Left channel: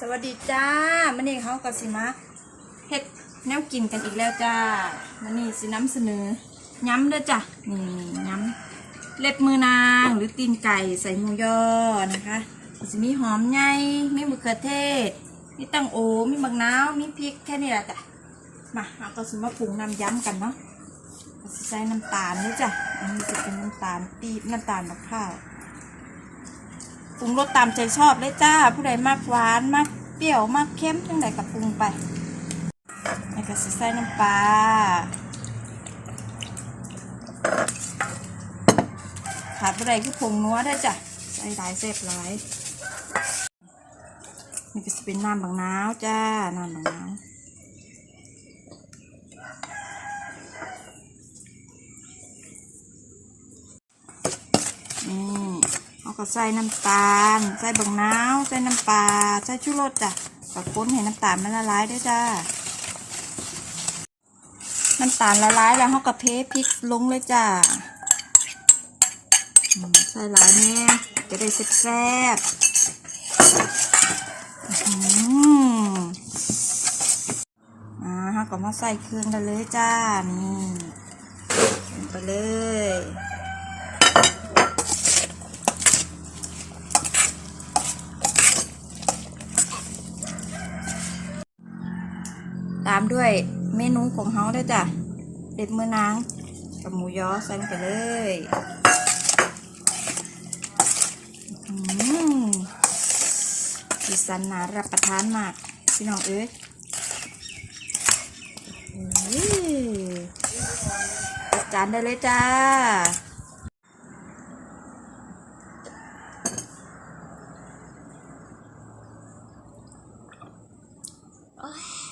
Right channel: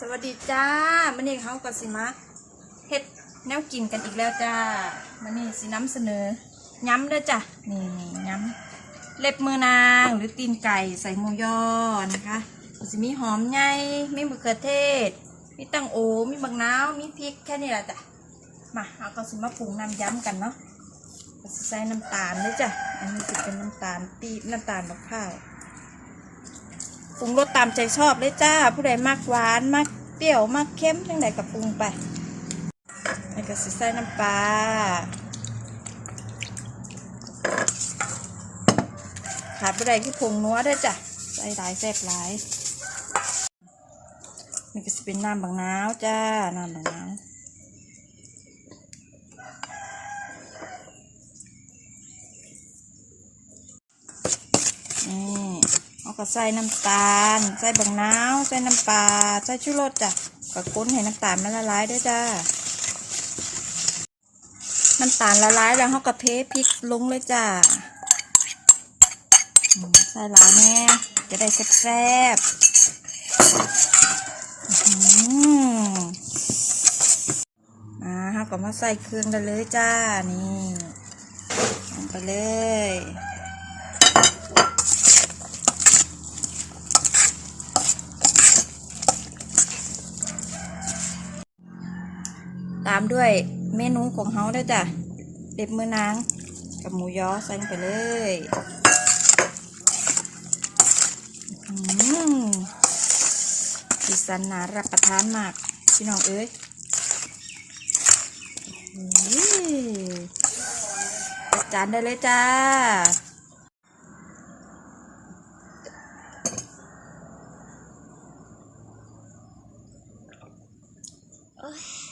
สวัสดีจ้ามันนี่เขาก็สิมาเฮ็ดแนวกินกันอีกแล้วจ้ามันนี่สิน้ำเสนอย้ำเด้อจ้ะนี่ย้ำเล็บมือนางหรือตีนไก่ใส่หมูยอนะคะก็สิมีหอมใหญ่มีมะเขือเทศ มีตังโอมีบักนาวมีพริกแค่นี้แหละจ้ะมาเราก็สิมาปรุงน้ำย้ำกันเนาะใส่น้ำตาลด้วยจ้ะอันนี้จะเป็นน้ำตาลปีน้ำตาลมะพร้าว ปรุงรสตามใจชอบเลยจ้า ผู้ใดมากหวานมากเปรี้ยวมากเค็มจังใดกับปรุงไปแล้วก็สิใส่น้ำปลาขาดผู้ใดคือผงนัวได้จ้ะใส่หลายแซ่บหลายนี่ก็จะเป็นน้ำบางน้าวจ้า น้ำบางน้าวนี่ เอาก็ใส่น้ำตาล ใส่บังนาวใส่น้ำปลาใส่ชูรสจ้ะก็ค้นให้น้ำตาลมันละลายด้วยจ้าน้ำตาลละลายแล้วเขาก็เทพริกลงเลยจ้าใส่หลายแน่จะได้แซ่บอ่าเขาก็มาใส่เครื่องกันเลยจ้านี่ลงไปเลย ตามด้วยเมนูของเฮาด้วยจ้ะเด็บมือนางกับหมูยอใส่ลงไปเลยสีสันน่ารับประทานมากพี่น้องเอ้ยอื้อจัดจานได้เลยจ้าโอ้ย